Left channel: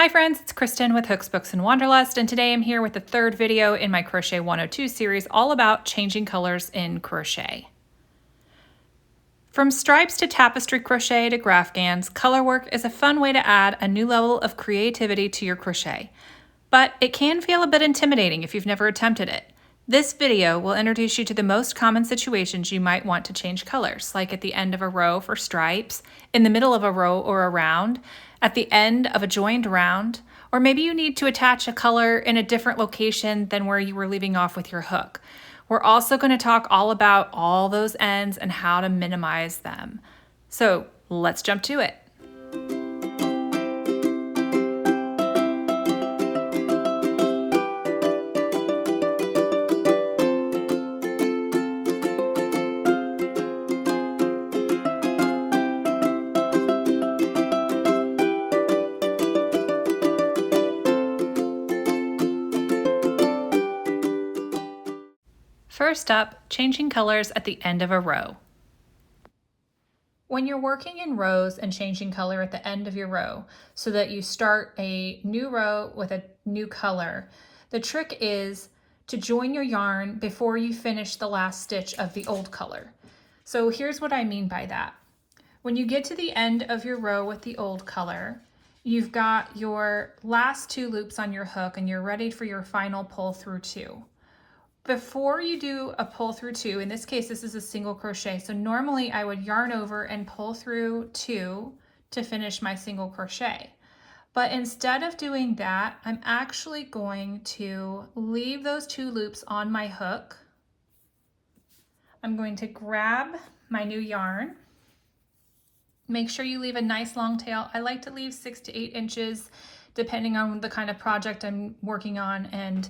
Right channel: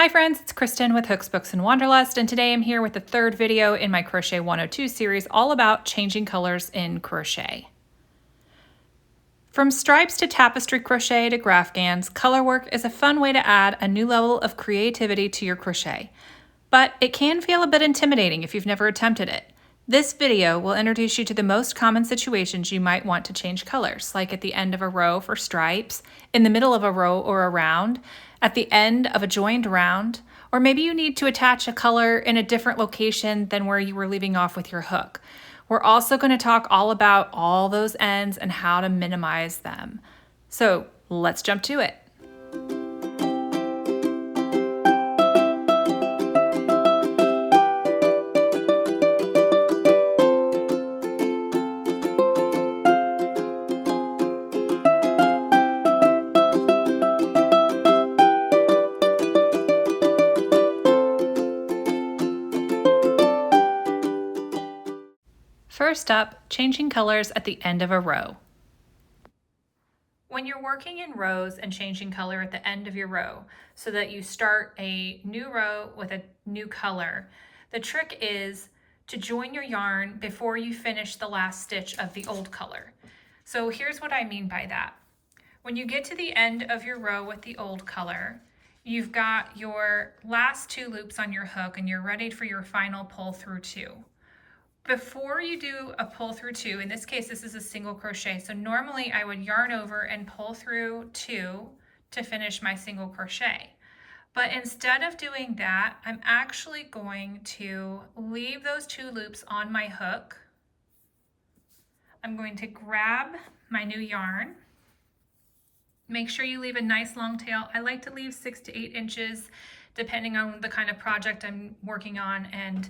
Hi friends, it's Kristen with Hooks, Books, and Wanderlust, and today I'm here with the third video in my Crochet 102 series all about changing colors in crochet. From stripes to tapestry crochet to graphgans, color work is a fun way to add a new level of creativity to your crochet. But it can feel a bit intimidating if you've never attempted it. This video will introduce you to the most common situations you might want to change colors, like at the end of a row for stripes, in the middle of a row or a round, at the end of a joined round, or maybe you need to attach a color in a different location than where you were leaving off with your hook. We're also going to talk all about all those ends and how to minimize them. So let's jump to it. First up, changing colors at the end of a row. When you're working in rows and changing color at the end of your row so that you start a new row with a new color, the trick is to join your yarn before you finish the last stitch of the old color. So here's what I mean by that. When you get to the end of your row with the old color, you've got your last two loops on your hook and you're ready for your final pull through two. Before you do a pull through two, in this case this is a single crochet, so normally I would yarn over and pull through two to finish my single crochet. But instead of doing that, I'm actually going to leave those two loops on my hook. I'm going to grab my new yarn. Make sure you leave a nice long tail. I like to leave 6 to 8 inches depending on the kind of project I'm working on and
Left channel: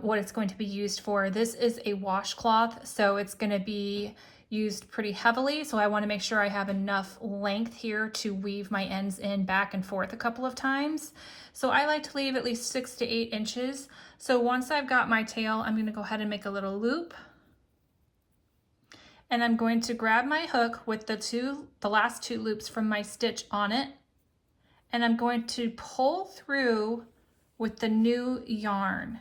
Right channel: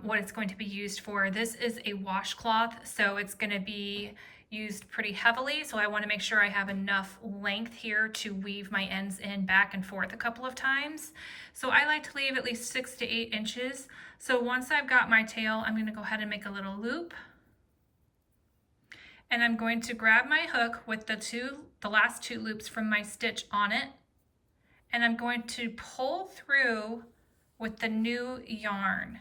what it's going to be used for. This is a washcloth, so it's going to be used pretty heavily, so I want to make sure I have enough length here to weave my ends in back and forth a couple of times. So I like to leave at least 6 to 8 inches. So once I've got my tail, I'm going to go ahead and make a little loop, and I'm going to grab my hook with the last two loops from my stitch on it, and I'm going to pull through with the new yarn.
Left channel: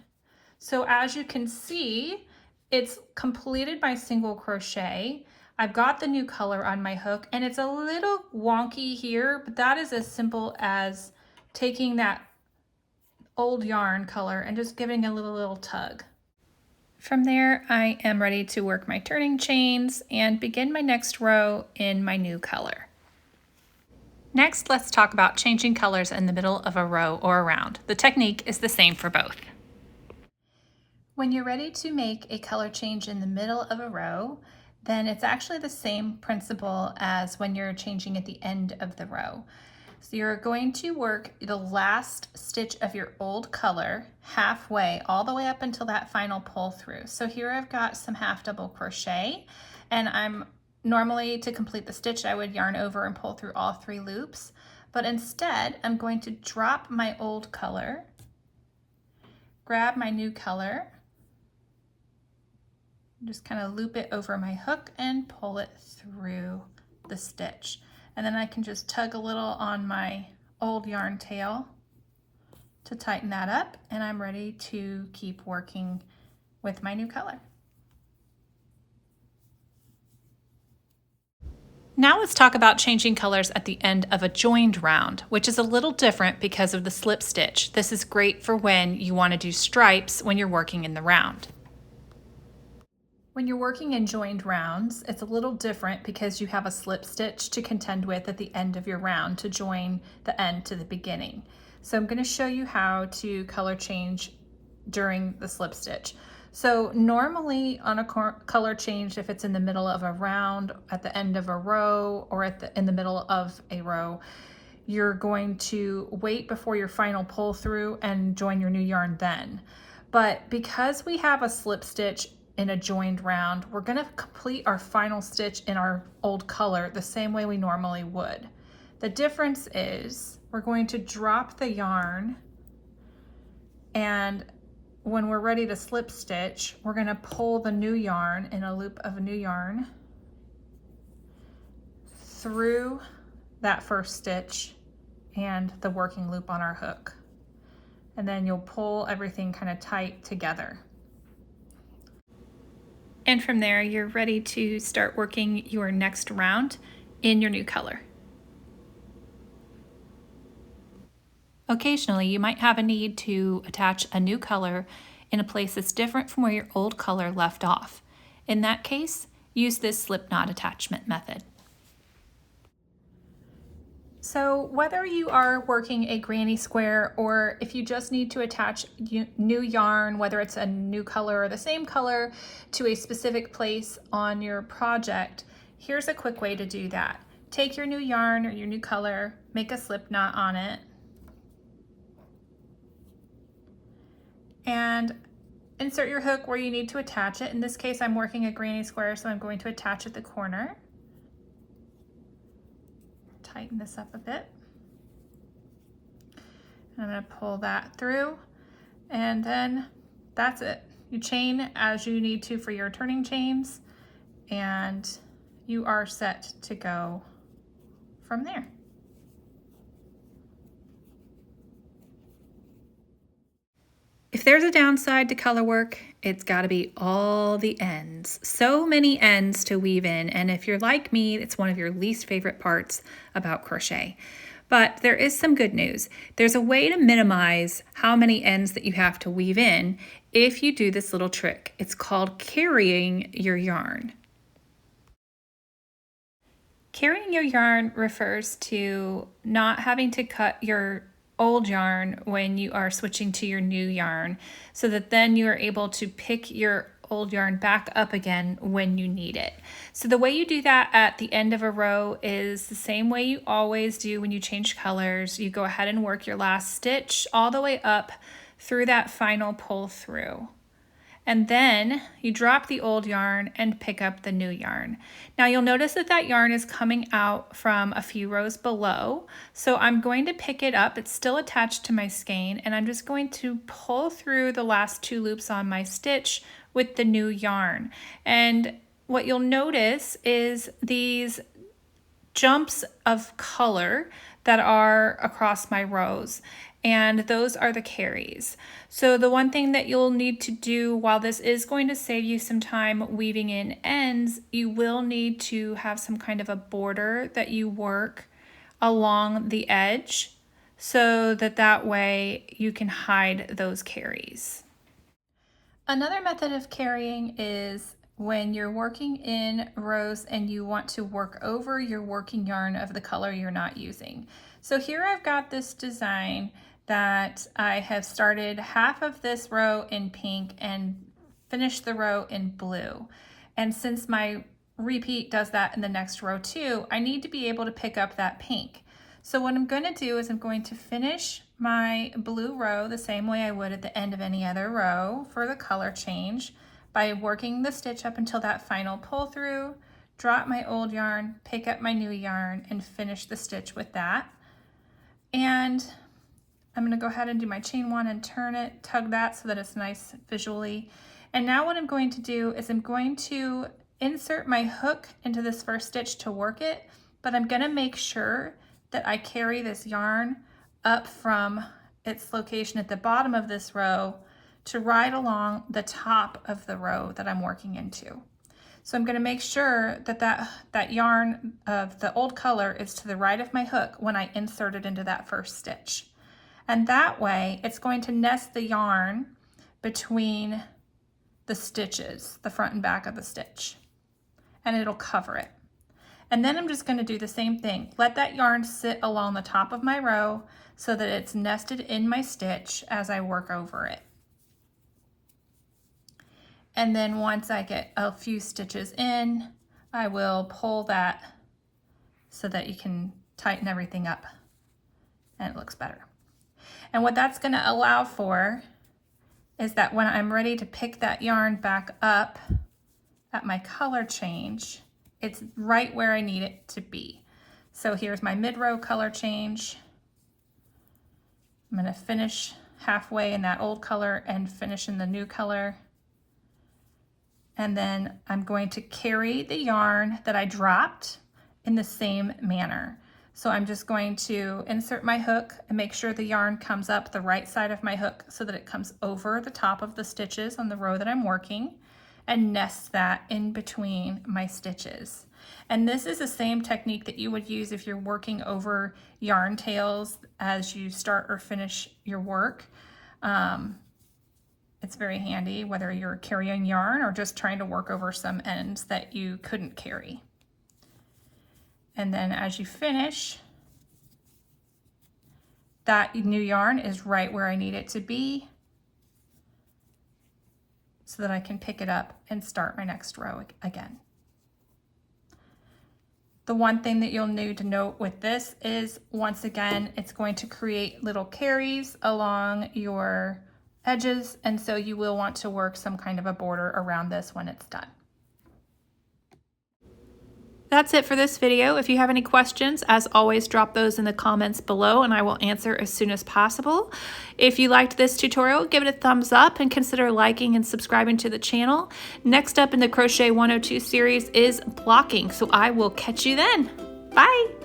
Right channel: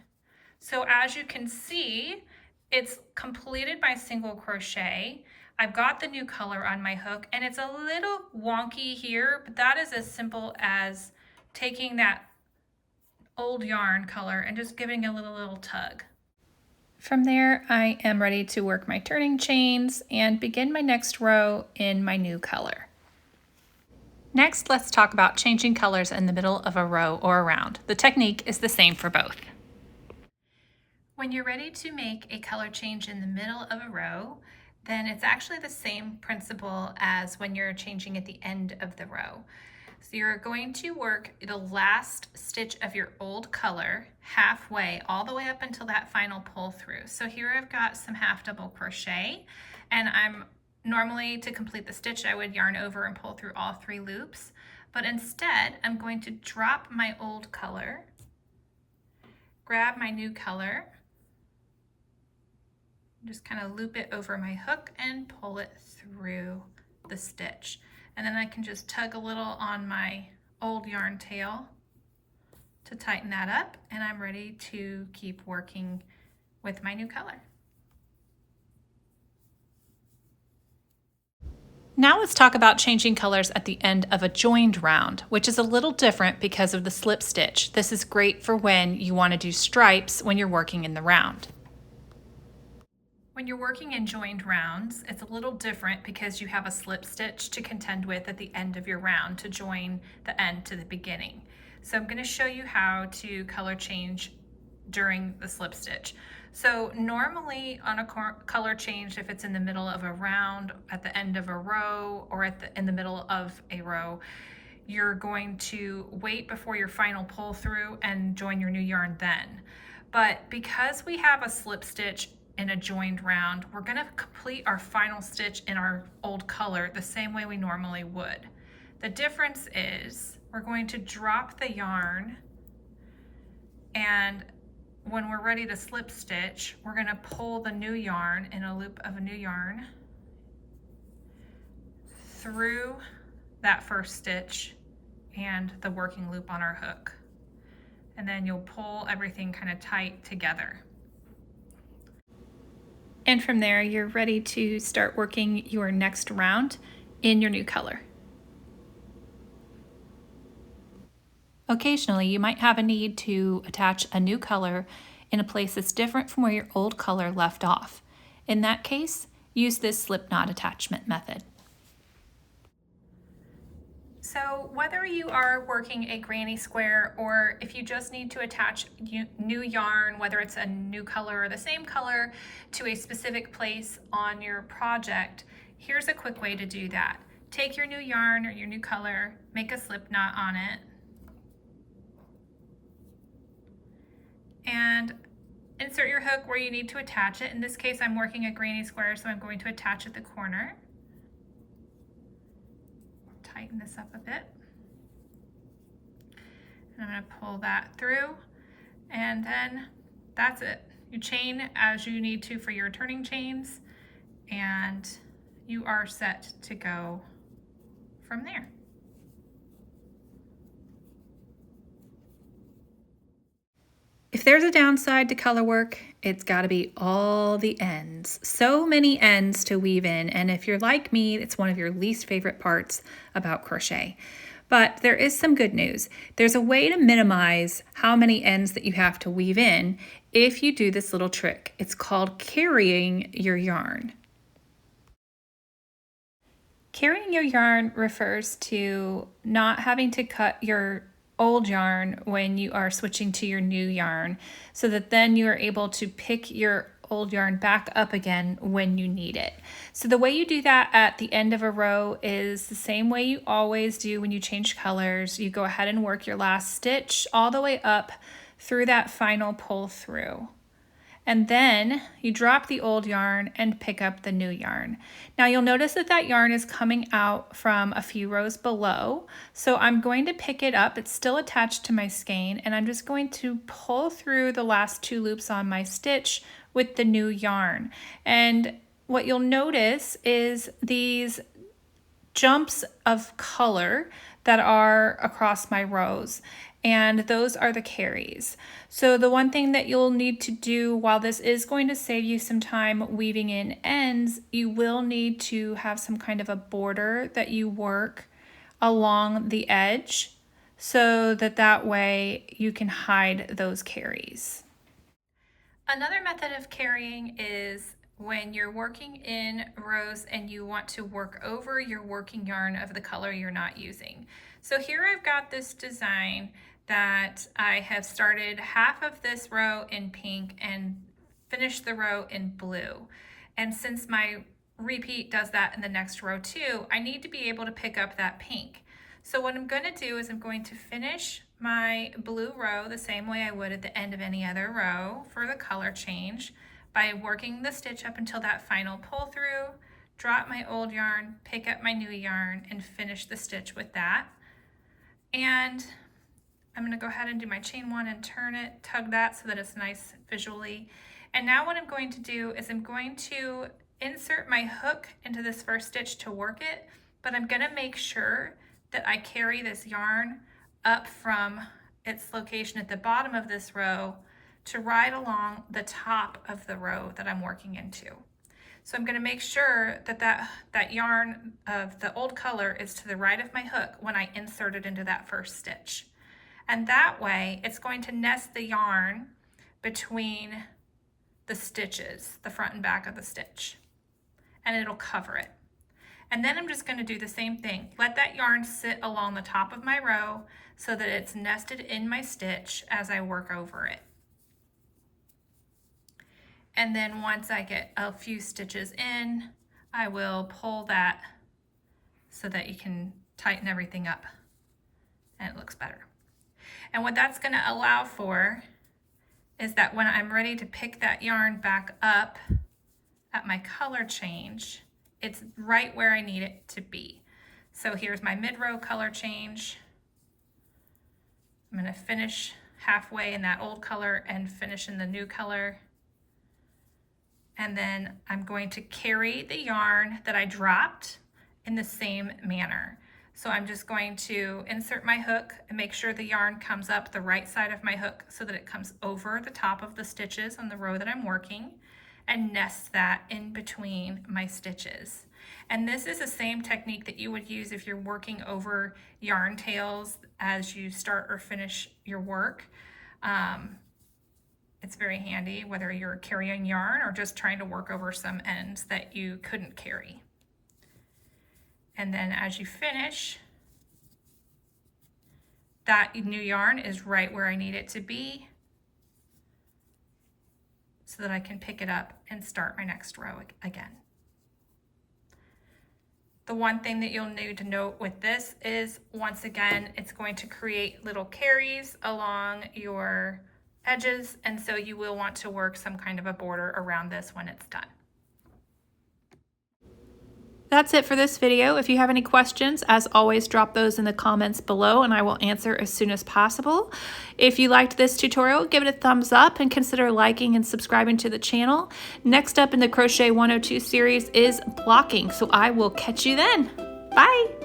So as you can see, it's completed my single crochet. I've got the new color on my hook, and it's a little wonky here, but that is as simple as taking that old yarn color and just giving a little tug. From there, I am ready to work my turning chains and begin my next row in my new color. Next, let's talk about changing colors in the middle of a row or a round. The technique is the same for both. When you're ready to make a color change in the middle of a row, then it's actually the same principle as when you're changing at the end of the row. So you're going to work the last stitch of your old color halfway, all the way up until that final pull through. So here I've got some half double crochet, and I'm normally, to complete the stitch, I would yarn over and pull through all 3 loops, but instead I'm going to drop my old color, grab my new color, just kind of loop it over my hook and pull it through the stitch. And then I can just tug a little on my old yarn tail to tighten that up, and I'm ready to keep working with my new color. Now let's talk about changing colors at the end of a joined round, which is a little different because of the slip stitch. This is great for when you want to do stripes when you're working in the round. When you're working in joined rounds, it's a little different because you have a slip stitch to contend with at the end of your round to join the end to the beginning. So I'm going to show you how to color change during the slip stitch. So normally on a color change, if it's in the middle of a round, at the end of a row, or in the middle of a row, you're going to wait before your final pull through and join your new yarn then. But because we have a slip stitch in a joined round, we're going to complete our final stitch in our old color the same way we normally would. The difference is we're going to drop the yarn, and when we're ready to slip stitch, we're going to pull the new yarn in a loop of new yarn through that first stitch and the working loop on our hook. And then you'll pull everything kind of tight together. And from there, you're ready to start working your next round in your new color. Occasionally, you might have a need to attach a new color in a place that's different from where your old color left off. In that case, use this slip knot attachment method. So whether you are working a granny square or if you just need to attach new yarn, whether it's a new color or the same color to a specific place on your project, here's a quick way to do that. Take your new yarn or your new color, make a slip knot on it, and insert your hook where you need to attach it. In this case, I'm working a granny square, so I'm going to attach at the corner. Tighten this up a bit. And I'm going to pull that through, and then that's it. You chain as you need to for your turning chains, and you are set to go from there. If there's a downside to color work, it's got to be all the ends. So many ends to weave in, and if you're like me, it's one of your least favorite parts about crochet. But there is some good news. There's a way to minimize how many ends that you have to weave in if you do this little trick. It's called carrying your yarn. Carrying your yarn refers to not having to cut your old yarn when you are switching to your new yarn, so that then you are able to pick your old yarn back up again when you need it. So the way you do that at the end of a row is the same way you always do when you change colors. You go ahead and work your last stitch all the way up through that final pull through. And then you drop the old yarn and pick up the new yarn. Now you'll notice that that yarn is coming out from a few rows below. So I'm going to pick it up. It's still attached to my skein, and I'm just going to pull through the last 2 loops on my stitch with the new yarn. And what you'll notice is these jumps of color that are across my rows, and those are the carries. So the one thing that you'll need to do, while this is going to save you some time weaving in ends, you will need to have some kind of a border that you work along the edge so that that way you can hide those carries. Another method of carrying is when you're working in rows and you want to work over your working yarn of the color you're not using. So here I've got this design that I have started half of this row in pink and finished the row in blue. And since my repeat does that in the next row too, I need to be able to pick up that pink. So what I'm going to do is I'm going to finish my blue row the same way I would at the end of any other row for the color change by working the stitch up until that final pull through, drop my old yarn, pick up my new yarn, and finish the stitch with that. And I'm going to go ahead and do my chain 1 and turn it, tug that so that it's nice visually. And now what I'm going to do is I'm going to insert my hook into this first stitch to work it, but I'm going to make sure that I carry this yarn up from its location at the bottom of this row to right along the top of the row that I'm working into. So I'm going to make sure that that yarn of the old color is to the right of my hook when I insert it into that first stitch. And that way it's going to nest the yarn between the stitches, the front and back of the stitch, and it'll cover it. And then I'm just going to do the same thing. Let that yarn sit along the top of my row so that it's nested in my stitch as I work over it. And then once I get a few stitches in, I will pull that so that you can tighten everything up and it looks better. And what that's going to allow for is that when I'm ready to pick that yarn back up at my color change, it's right where I need it to be. So here's my mid-row color change. I'm going to finish halfway in that old color and finish in the new color. And then I'm going to carry the yarn that I dropped in the same manner. So I'm just going to insert my hook and make sure the yarn comes up the right side of my hook so that it comes over the top of the stitches on the row that I'm working, and nest that in between my stitches. And this is the same technique that you would use if you're working over yarn tails as you start or finish your work. It's very handy whether you're carrying yarn or just trying to work over some ends that you couldn't carry. And then as you finish, that new yarn is right where I need it to be so that I can pick it up and start my next row again. The one thing that you'll need to note with this is, once again, it's going to create little carries along your edges, and so you will want to work some kind of a border around this when it's done. That's it for this video. If you have any questions, as always, drop those in the comments below and I will answer as soon as possible. If you liked this tutorial, give it a thumbs up and consider liking and subscribing to the channel. Next up in the Crochet 102 series is blocking, so I will catch you then. Bye!